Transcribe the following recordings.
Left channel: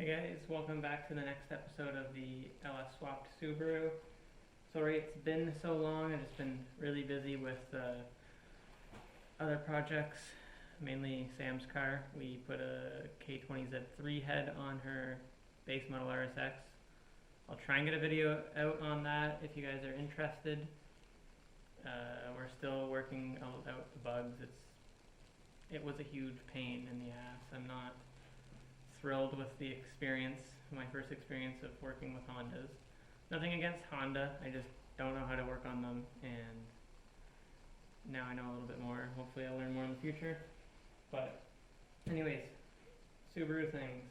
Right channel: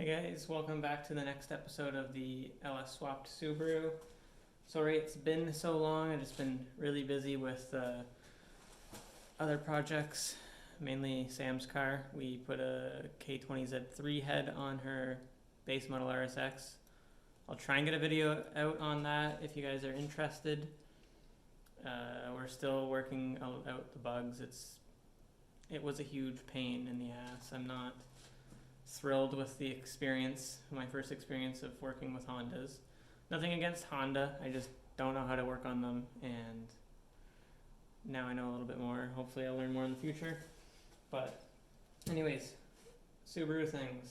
Hey guys, welcome back to the next episode of the LS Swapped Subaru. Sorry it's been so long, I've just been really busy with other projects, mainly Sam's car. We put a K20Z3 head on her base model RSX. I'll try and get a video out on that if you guys are interested. We're still working out the bugs. It was a huge pain in the ass. I'm not thrilled with the experience, my first experience of working with Hondas. Nothing against Honda, I just don't know how to work on them, and now I know a little bit more. Hopefully I'll learn more in the future. But anyways, Subaru things.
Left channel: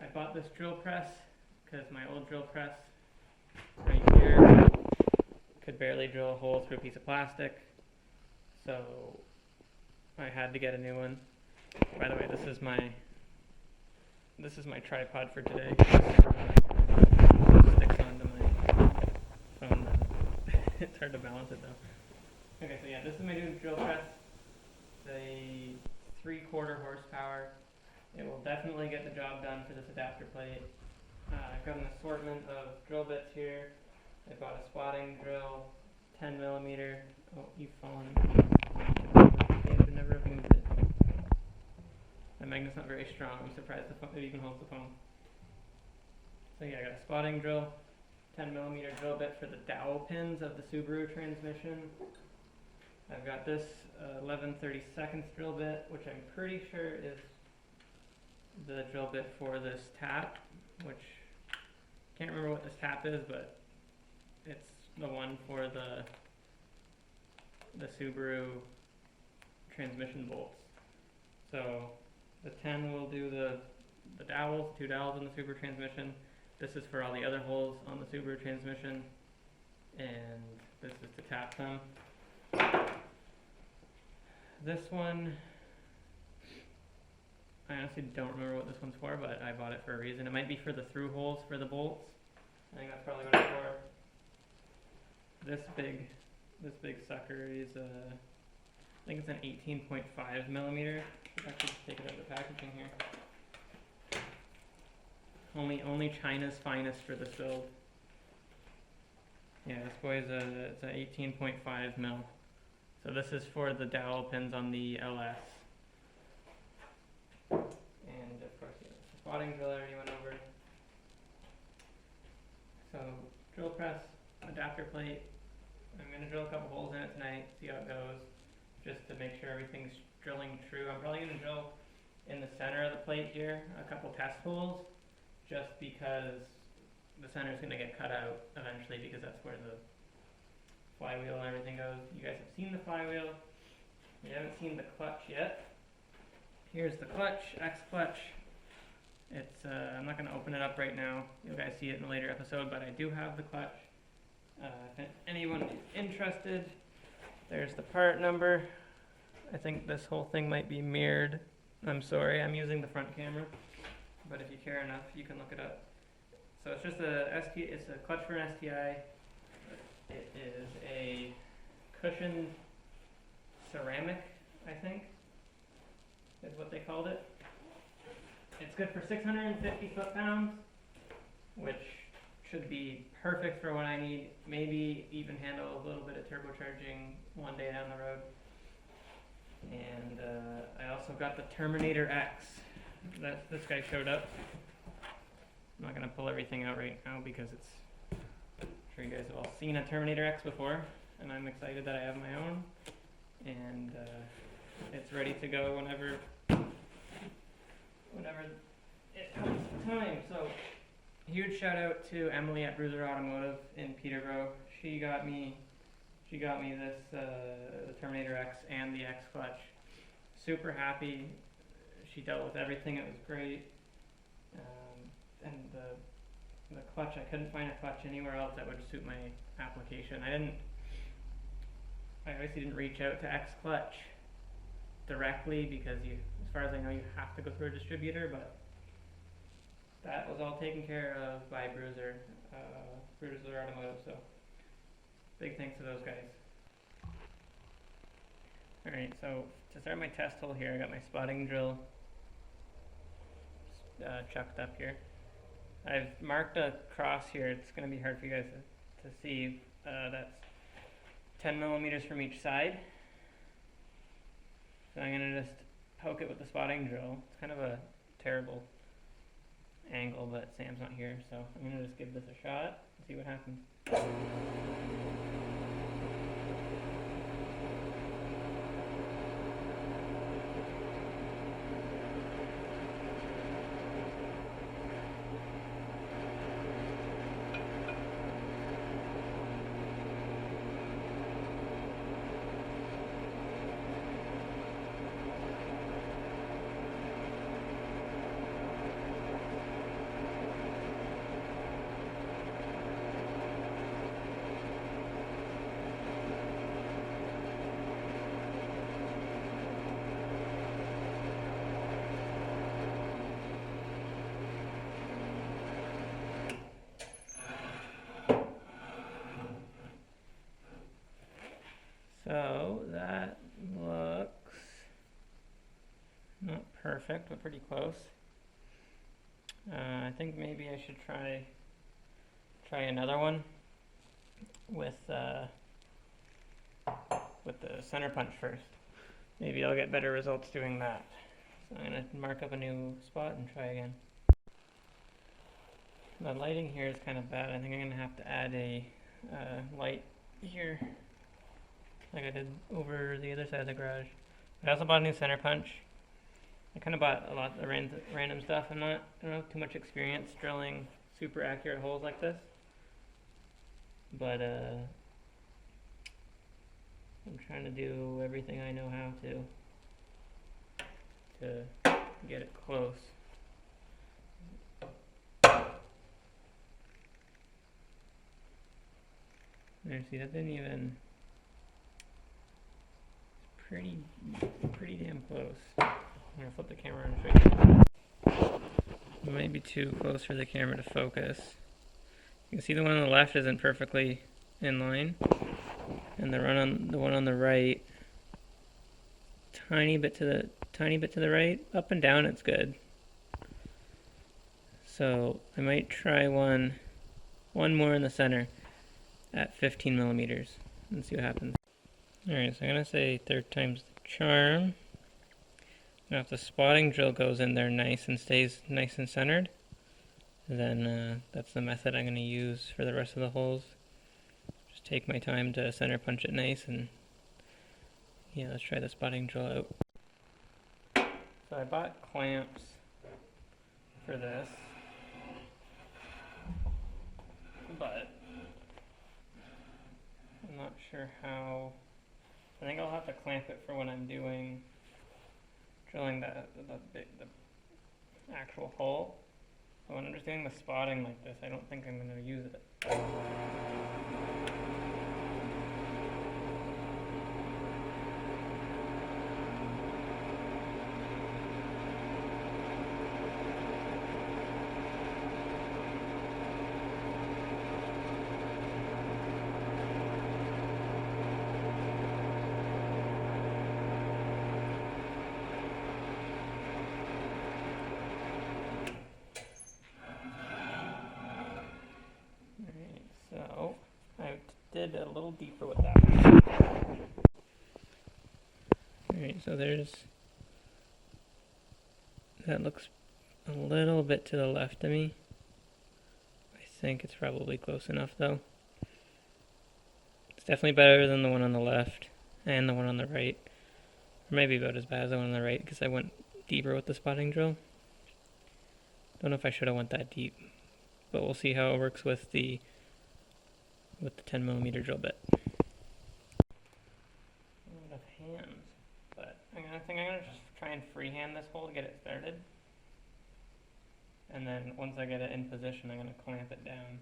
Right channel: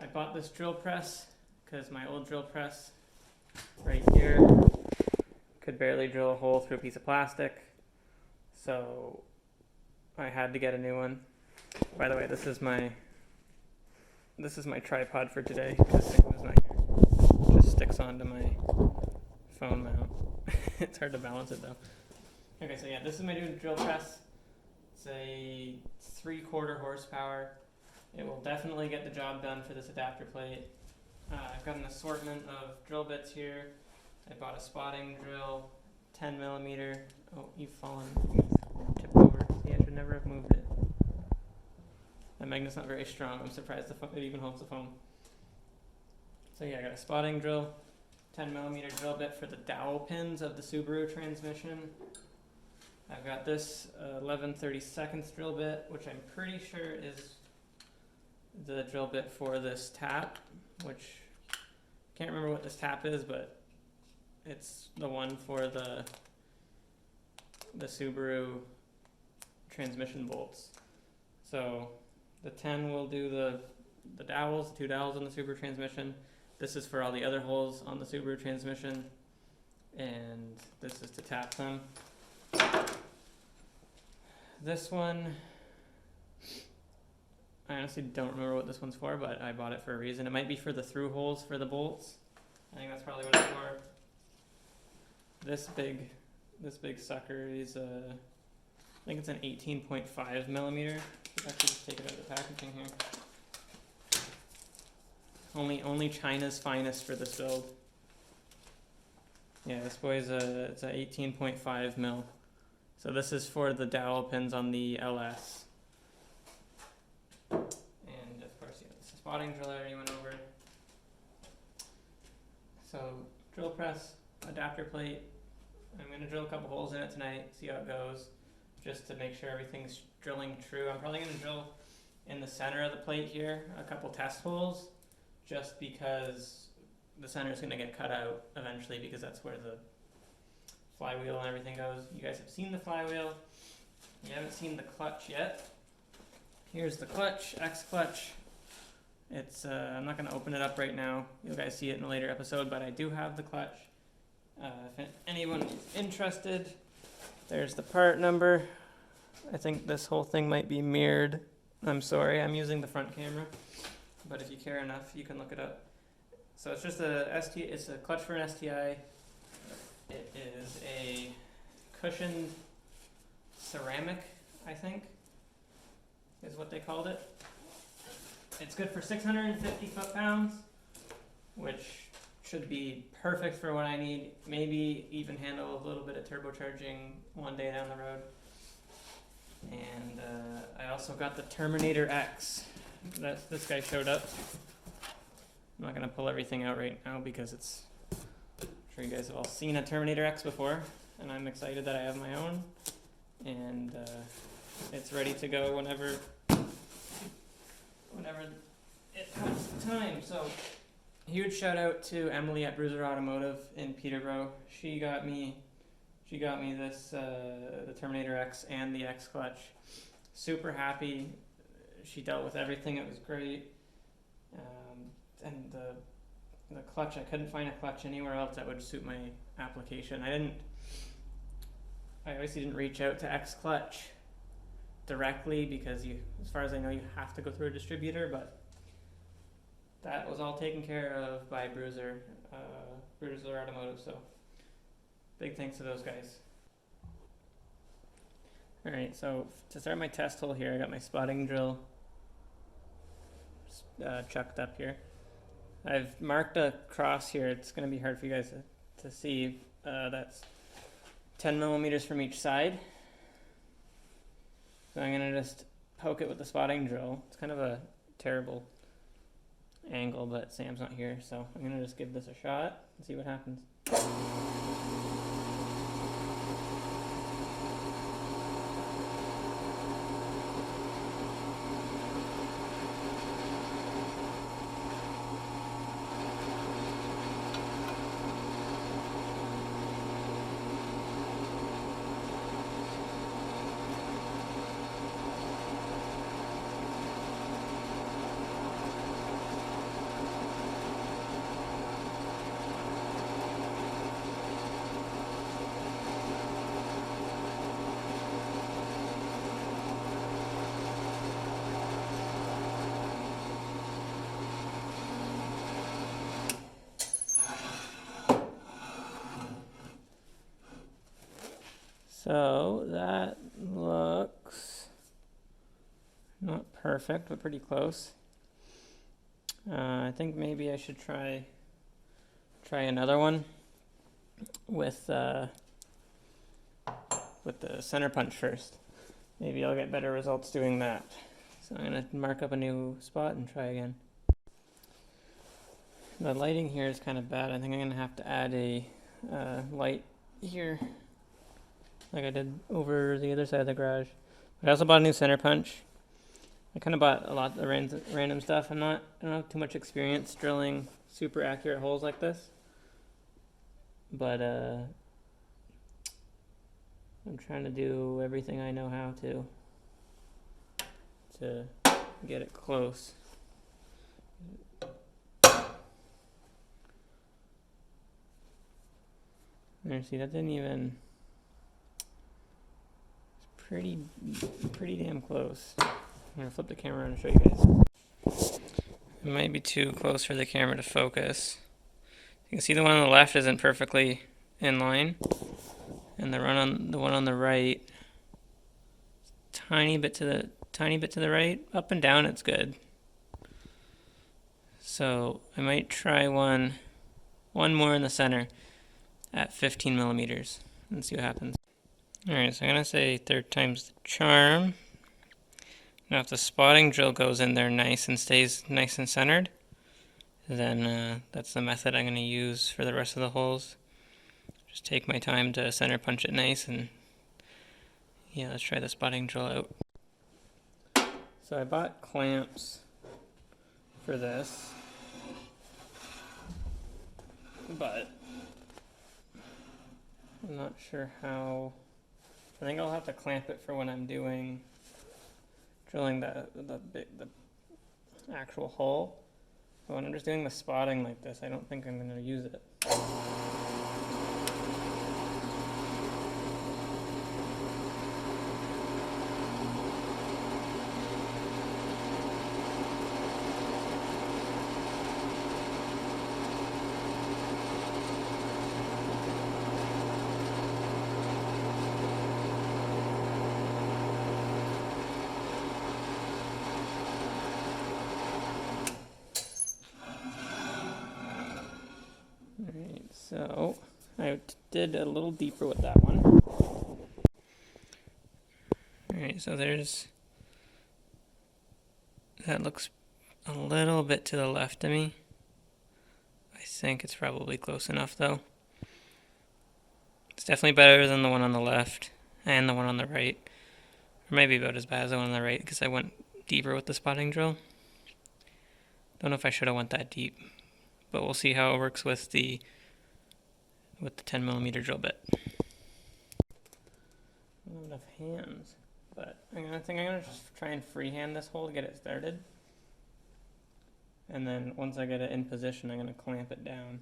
I bought this drill press because my old drill press right here could barely drill a hole through a piece of plastic, so I had to get a new one. By the way, this is my tripod for today. It sticks onto my phone mount. It's hard to balance it though. Okay, so yeah, this is my new drill press. It's a 3/4 horsepower. It will definitely get the job done for this adapter plate. I've got an assortment of drill bits here. I bought a spotting drill, 10mm. Oh, you've fallen. Tip it over. See, I should never have moved it. The magnet's not very strong. I'm surprised it even holds the phone. So yeah, I got a spotting drill, 10mm drill bit for the dowel pins of the Subaru transmission. I've got this 11/32 drill bit, which I'm pretty sure is the drill bit for this tap, which can't remember what this tap is, but it's the one for the Subaru transmission bolts. So the 10 will do the dowels, the 2 dowels on the Subaru transmission. This is for all the other holes on the Subaru transmission, and this is to tap them. This one, I honestly don't remember what this one's for, but I bought it for a reason. It might be for the through holes for the bolts. I think that's probably what it's for. This big sucker is I think it's an 18.5mm. Actually, just take it out of the packaging here. Only China's finest for this build. Yeah, this boy's it's a 18.5mm. So this is for the dowel pins on the LS. And of course, yeah, it's a spotting drill I already went over. So drill press, adapter plate. I'm gonna drill a couple holes in it tonight, see how it goes, just to make sure everything's drilling true. I'm probably gonna drill in the center of the plate here a couple test holes, just because the center is gonna get cut out eventually, because that's where the flywheel and everything goes. You guys have seen the flywheel. You haven't seen the clutch yet. Here's the clutch, X clutch. It's I'm not gonna open it up right now. You guys see it in a later episode, but I do have the clutch. If anyone is interested, there's the part number. I think this whole thing might be mirrored. I'm sorry, I'm using the front camera, but if you care enough, you can look it up. So it's just it's a clutch for an STI. It is a cushioned ceramic, I think, is what they called it. It's good for 650 foot-pounds, which should be perfect for what I need. Maybe even handle a little bit of turbocharging one day down the road. And I also got the Terminator X. This guy showed up. I'm not gonna pull everything out right now because I'm sure you guys have all seen a Terminator X before, and I'm excited that I have my own. And it's ready to go whenever it comes time. So huge shout out to Emily at Bruiser Automotive in Peterborough. She got me this the Terminator X and the X clutch. Super happy. She dealt with everything. It was great. And the clutch, I couldn't find a clutch anywhere else that would suit my application. I obviously didn't reach out to X Clutch directly because as far as I know, you have to go through a distributor, but that was all taken care of by Bruiser Automotive, so big thanks to those guys. Alright, so to start my test hole here, I got my spotting drill chucked up here. I've marked a cross here. It's going to be hard for you guys to see. That's 10 millimeters from each side. So I'm going to just poke it with the spotting drill. It's kind of a terrible angle, but Sam's not here, so I'm going to just give this a shot and see what happens. So that looks not perfect, but pretty close. I think maybe I should try another one with the center punch first. Maybe I'll get better results doing that. So I'm gonna mark up a new spot and try again. The lighting here is kind of bad. I think I'm gonna have to add a light here, like I did over the other side of the garage. But I also bought a new center punch. I kind of bought a lot of random stuff. I don't have too much experience drilling super accurate holes like this, but I'm trying to do everything I know how to get it close. There, see, that didn't even. Pretty damn close. I'm gonna flip the camera and show you guys. It might be too close for the camera to focus. You can see the one on the left isn't perfectly in line, and the one on the right, tiny bit to the right. Up and down, it's good. So I might try one more in the center at 15 millimeters and see what happens. Alright, so I'm going to say third time's the charm. Now if the spotting drill goes in there nice and stays nice and centered, then that's the method I'm going to use for the rest of the holes. Just take my time to center punch it nice, and yeah, let's try the spotting drill out. So I bought clamps for this, but I'm not sure how. I think I'll have to clamp it for when I'm drilling the actual hole. But when I'm just doing the spotting like this, I don't think I'm going to use it. So I did a little deeper with that one. Alright, so that looks a little bit to the left of me. I think it's probably close enough though. It's definitely better than the one on the left and the one on the right. Or maybe about as bad as the one on the right because I went deeper with the spotting drill. Don't know if I should have went that deep, but we'll see how it works with the 10 millimeter drill bit. Not enough hands, but I think I'm gonna just try and freehand this hole to get it started, and then once I get it in position, I'm gonna clamp it down.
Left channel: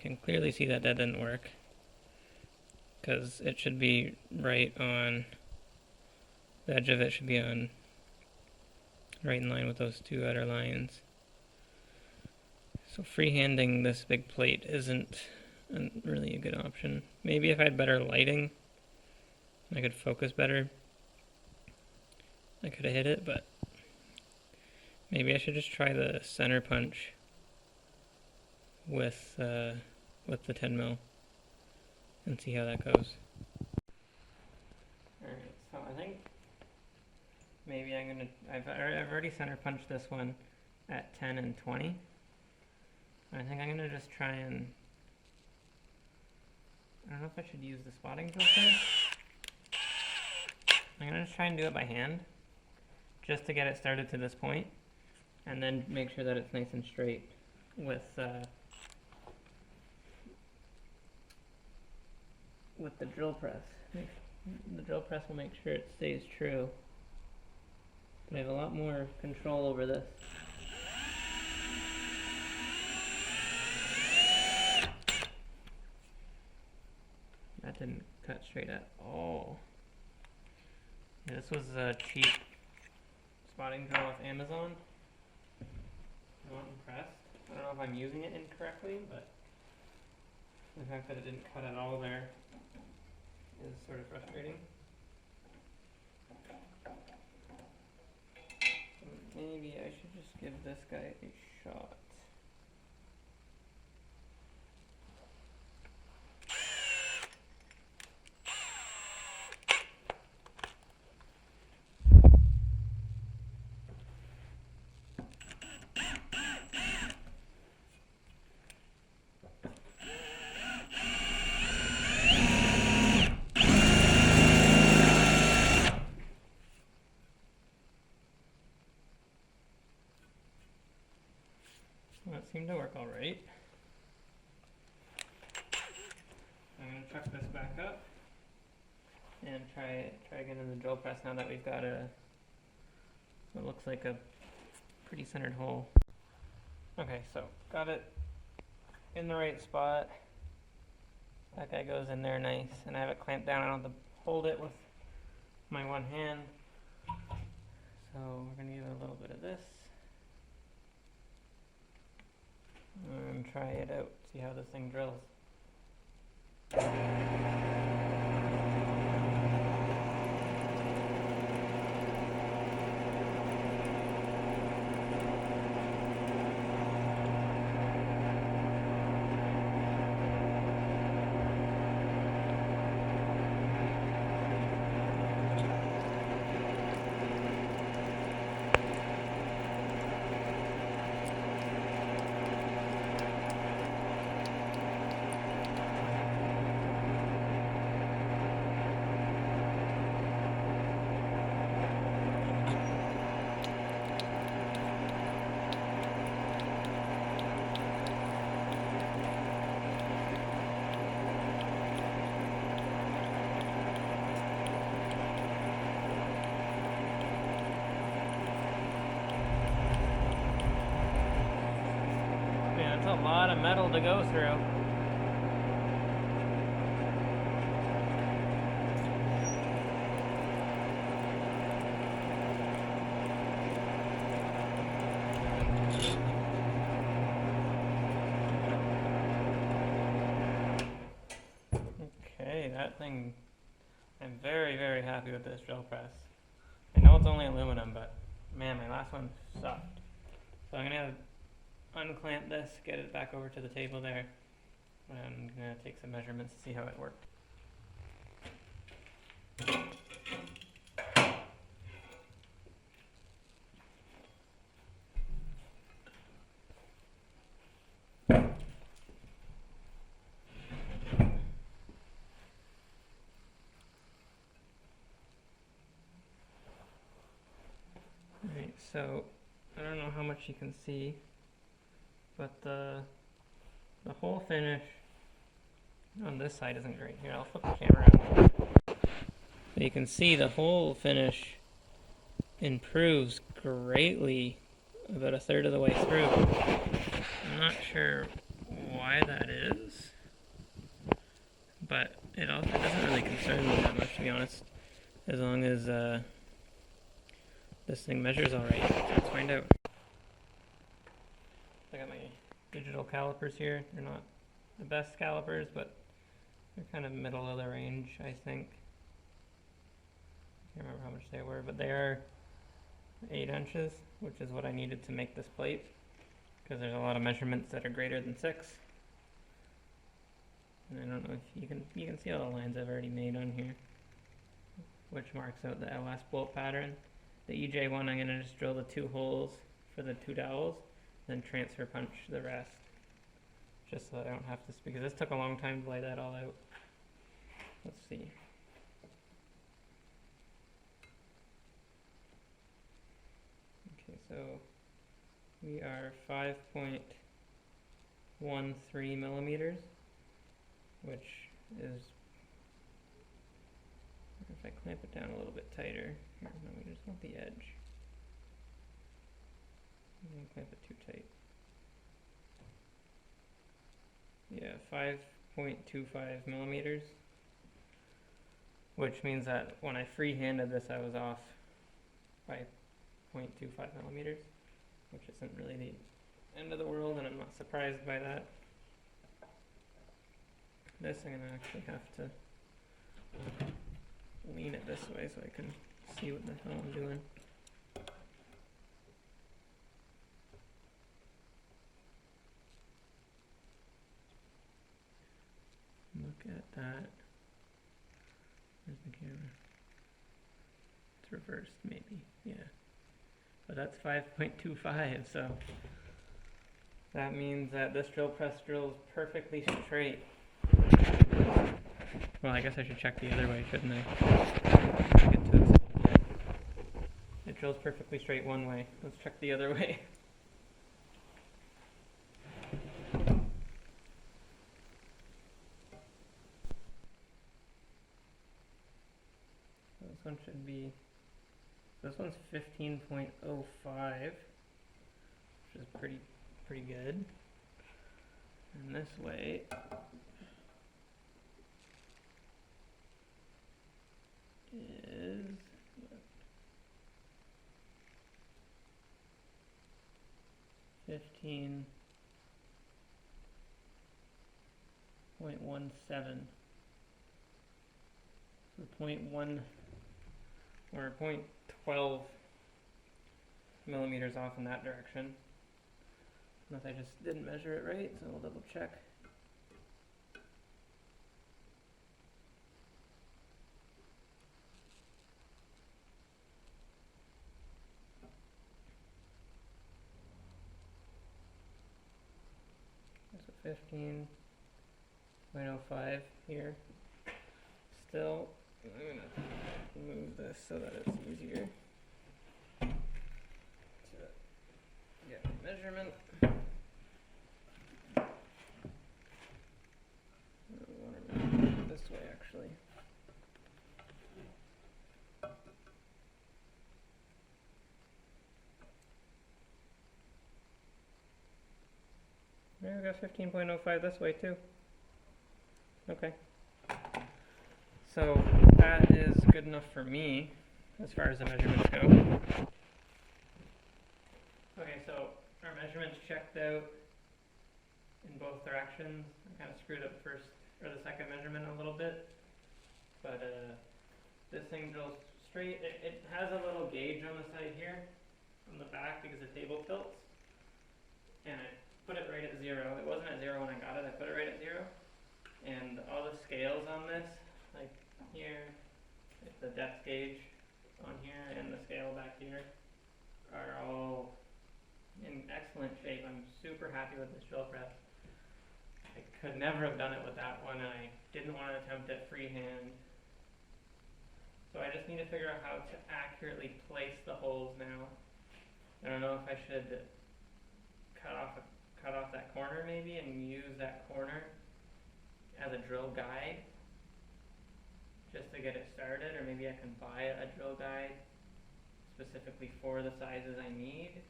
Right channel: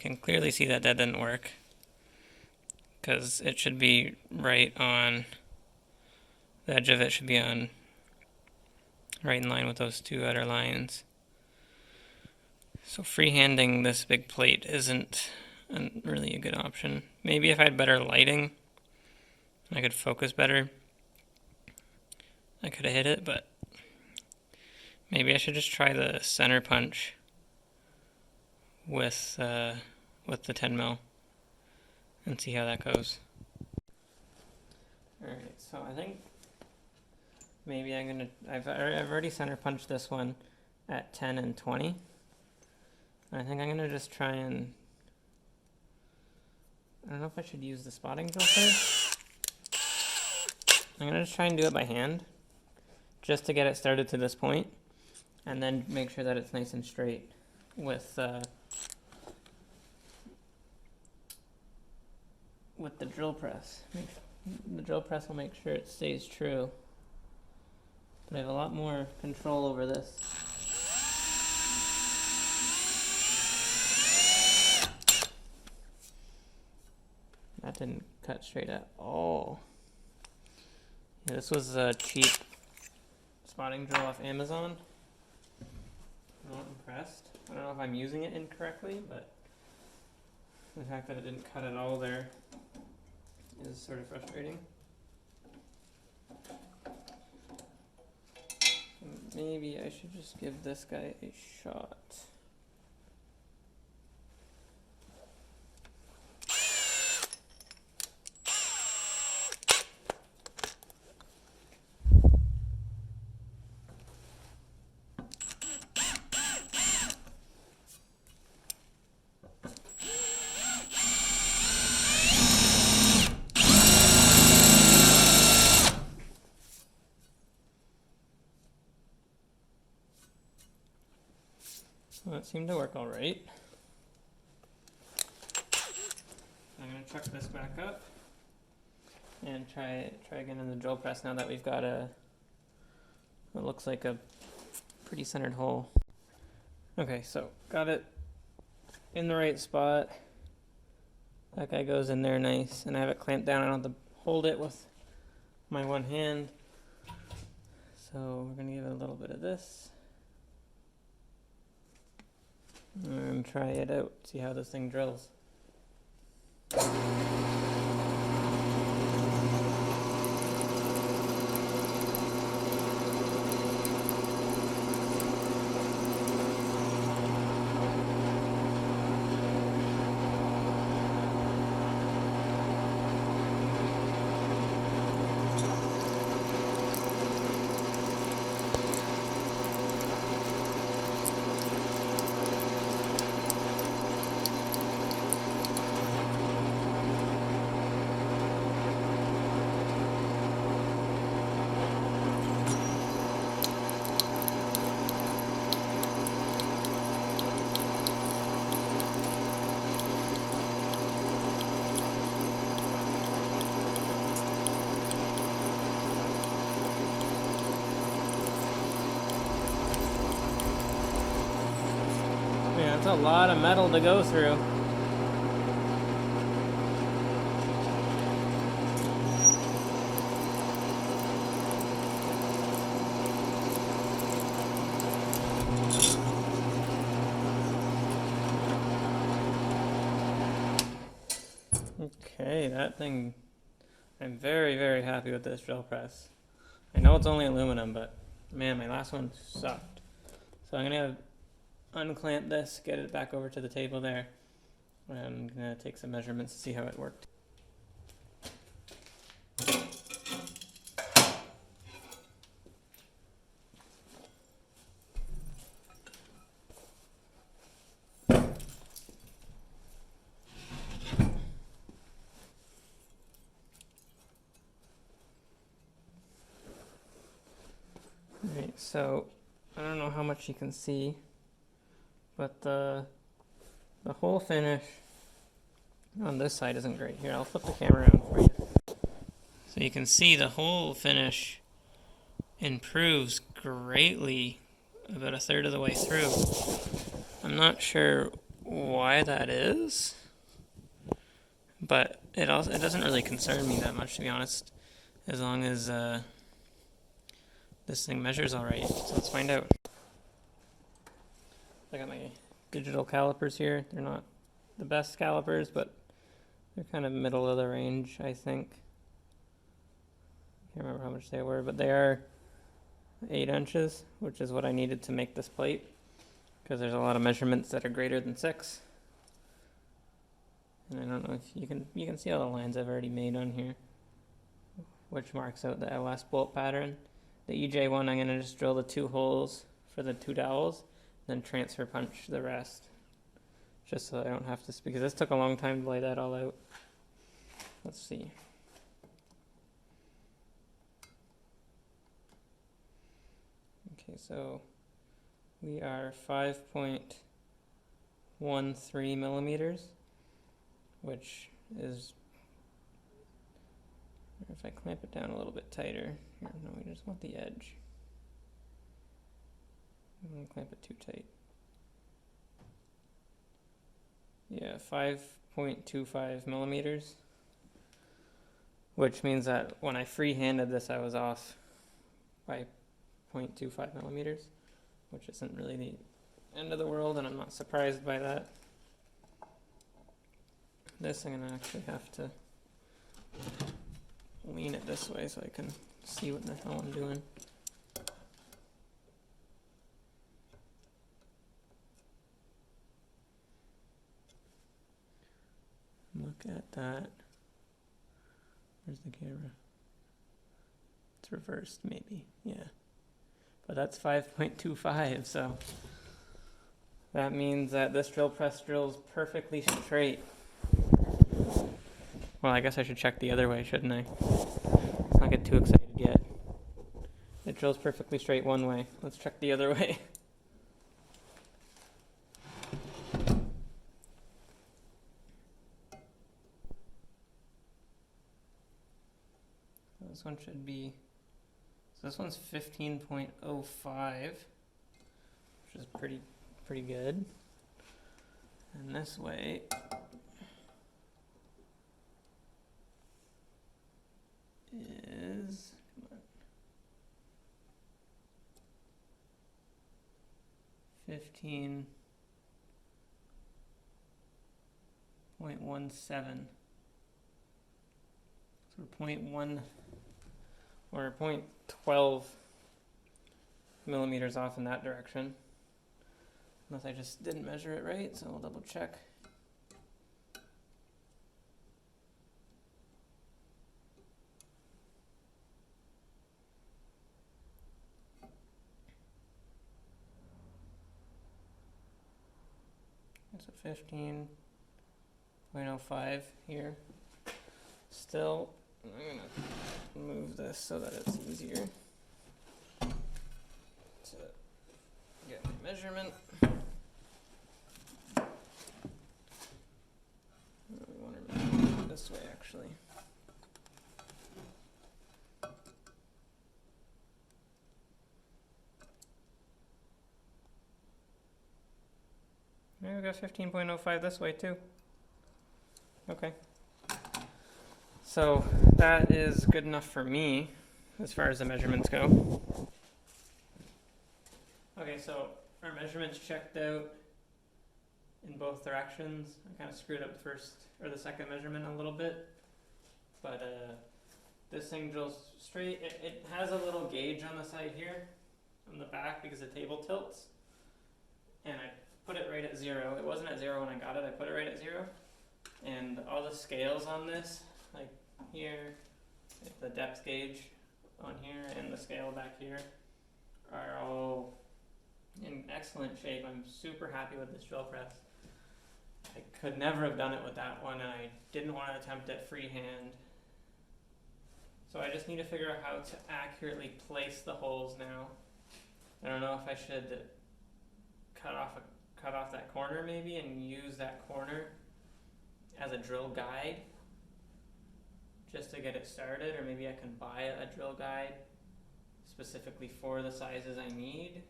can clearly see that didn't work, because it should be right on, the edge of it should be on, right in line with those two outer lines. So freehanding this big plate isn't really a good option. Maybe if I had better lighting, I could focus better, I could have hit it, but maybe I should just try the center punch with the 10 mil and see how that goes. Alright, so I think maybe I've already center punched this one at 10 and 20. I think I'm gonna just try and, I don't know if I should use the spotting drill first. I'm gonna just try and do it by hand, just to get it started to this point, and then make sure that it's nice and straight with the drill press. The drill press will make sure it stays true, but I have a lot more control over this. That didn't cut straight at all. Yeah, this was a cheap spotting drill off Amazon. I'm not impressed. I don't know if I'm using it incorrectly, but the fact that it didn't cut at all there is sort of frustrating. Maybe I should just give this guy a shot. Well, that seemed to work all right. I'm going to chuck this back up and try again in the drill press now that we've got what looks like a pretty centered hole. Okay, so got it in the right spot. That guy goes in there nice, and I have it clamped down. I don't have to hold it with my one hand. So we're going to give it a little bit of this. And try it out, see how this thing drills. A lot of metal to go through. Okay, that thing, I'm very, very happy with this drill press. I know it's only aluminum, but man, my last one sucked. So I'm gonna unclamp this, get it back over to the table there, and I'm gonna take some measurements to see how it worked. Alright, so I don't know how much you can see, but the whole finish on this side isn't great. Here, I'll flip the camera around. So you can see the whole finish improves greatly about a third of the way through. I'm not sure why that is, but it doesn't really concern me that much, to be honest, as long as this thing measures all right. So let's find out. I got my digital calipers here. They're not the best calipers, but they're kind of middle of the range, I think. Can't remember how much they were, but they are 8 inches, which is what I needed to make this plate, because there's a lot of measurements that are greater than 6. And I don't know if you can see all the lines I've already made on here, which marks out the LS bolt pattern. The EJ one, I'm going to just drill the 2 holes for the 2 dowels, then transfer punch the rest, just so I don't have to, because this took a long time to lay that all out. Let's see. Okay, so we are 5.13 millimeters, which is, if I clamp it down a little bit tighter, here, no, we just want the edge. I'm gonna clamp it too tight. Yeah, 5.25 millimeters, which means that when I free-handed this, I was off by 0.25 millimeters, which isn't really the end of the world, and I'm not surprised by that. This I'm gonna actually have to lean it this way so I can see what the hell I'm doing. Look at that. Where's the camera? It's reversed, maybe. Yeah. But that's 5.25, so that means that this drill press drills perfectly straight. Well, I guess I should check the other way, shouldn't I? Let's not get too excited yet. It drills perfectly straight one way. Let's check the other way. This one should be, so this one's 15.05, which is pretty good. And this way is 15.17. So 0.1 or 0.12 millimeters off in that direction. Unless I just didn't measure it right, so we'll double check. So 15.05 here. Still, I'm gonna move this so that it's easier to get my measurement. I want to measure it this way, actually. Maybe we got 15.05 this way too. Okay. So that is good enough for me as far as the measurements go. Okay, so our measurements checked out in both directions. I kind of screwed up the first or the second measurement a little bit, but this thing drills straight. It has a little gauge on the side here, on the back, because the table tilts, and I put it right at 0. It wasn't at 0 when I got it. I put it right at 0, and all the scales on this, like here, the depth gauge on here, and the scale back here, are all in excellent shape. I'm super happy with this drill press. I could never have done it with that one, and I didn't want to attempt it freehand. So I just need to figure out how to accurately place the holes now. I don't know if I should cut off that corner maybe and use that corner as a drill guide just to get it started, or maybe I can buy a drill guide specifically for the sizes I need.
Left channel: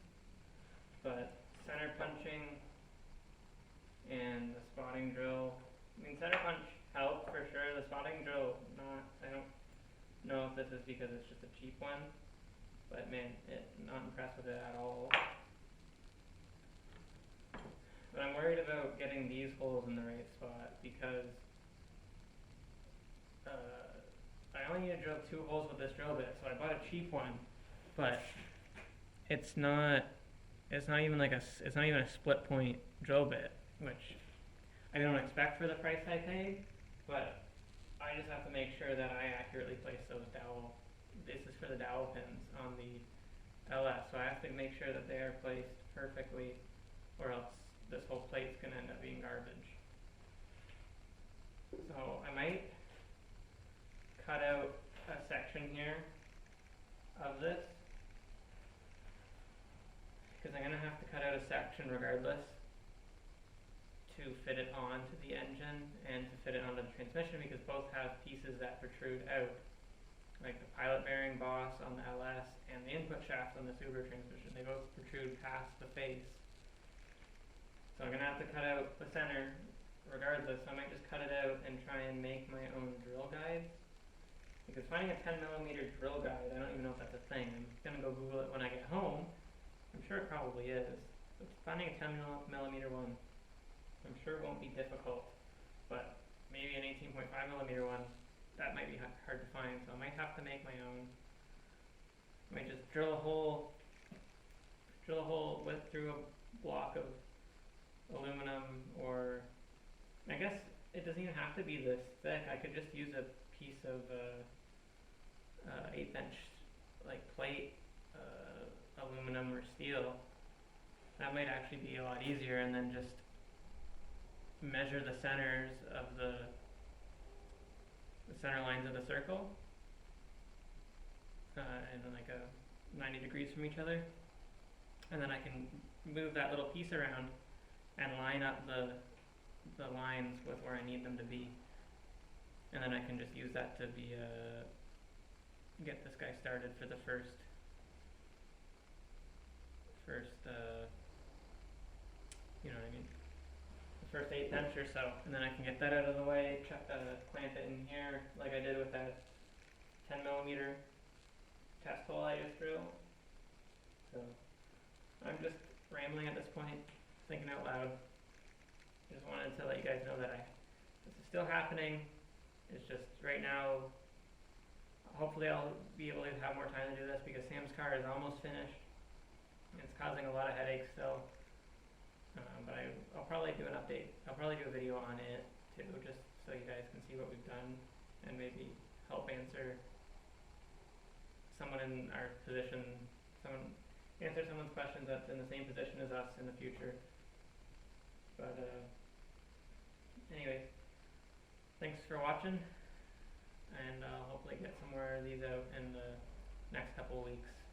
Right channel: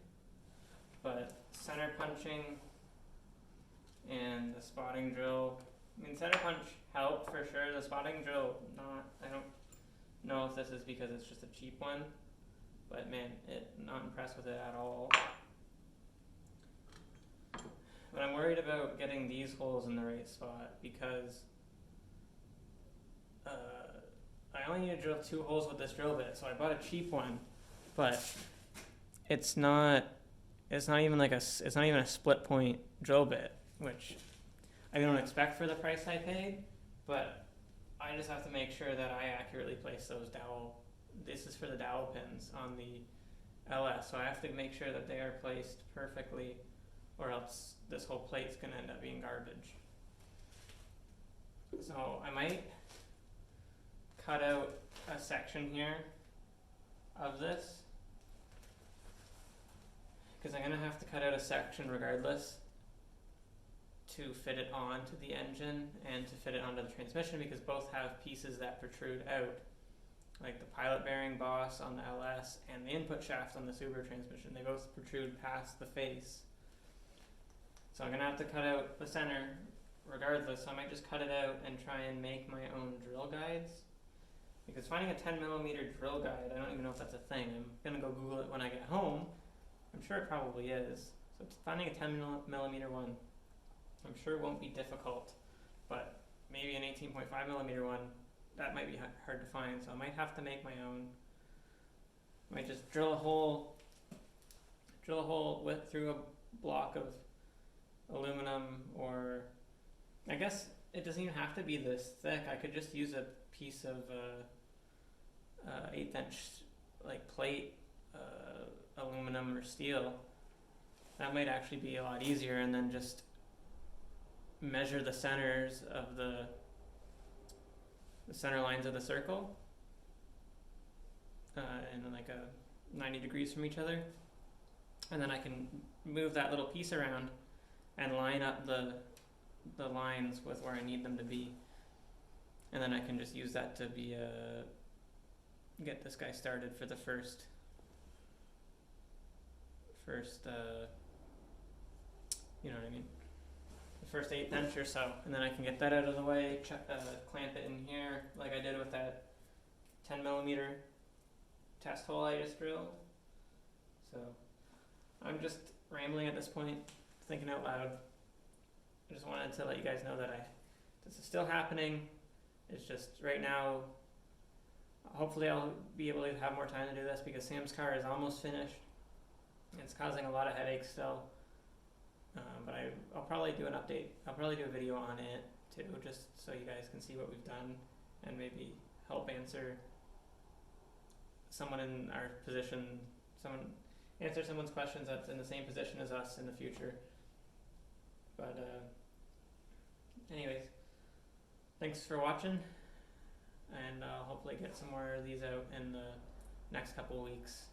But center punching and the spotting drill. I mean, center punch helped for sure. The spotting drill, not. I don't know if this is because it's just a cheap one, but man, not impressed with it at all. But I'm worried about getting these holes in the right spot because I only need to drill 2 holes with this drill bit, so I bought a cheap one, but it's not even a split point drill bit, which I don't expect for the price I paid, but I just have to make sure that I accurately place those dowel. This is for the dowel pins on the LS, so I have to make sure that they are placed perfectly, or else this whole plate's gonna end up being garbage. So I might cut out a section here of this, because I'm gonna have to cut out a section regardless to fit it onto the engine and to fit it onto the transmission, because both have pieces that protrude out, like the pilot bearing boss on the LS and the input shaft on the Subaru transmission. They both protrude past the face. So I'm gonna have to cut out the center regardless, so I might just cut it out and try and make my own drill guides. Because finding a 10mm drill guide, I don't even know if that's a thing. I'm gonna go Google it when I get home. I'm sure it probably is. So finding a 10mm one, I'm sure it won't be difficult, but maybe an 18.5mm one, that might be hard to find, so I might have to make my own. I might just drill a hole through a block of aluminum, or I guess it doesn't even have to be this thick. I could just use a piece of 1/8 inch like plate, aluminum or steel. That might actually be a lot easier, and then just measure the centers of the center lines of the circle, and like a 90 degrees from each other, and then I can move that little piece around and line up the lines with where I need them to be, and then I can just use that to be get this guy started for the first you know what I mean, the first 1/8 inch or so, and then I can get that out of the way, clamp it in here like I did with that 10mm test hole I just drilled. So I'm just rambling at this point, thinking out loud. I just wanted to let you guys know that this is still happening. It's just right now, hopefully I'll be able to have more time to do this, because Sam's car is almost finished. It's causing a lot of headaches still. But I'll probably do an update. I'll probably do a video on it too, just so you guys can see what we've done and maybe help answer someone in our position, answer someone's questions that's in the same position as us in the future. But anyways, thanks for watching, and I'll hopefully get some more of these out in the next couple of weeks.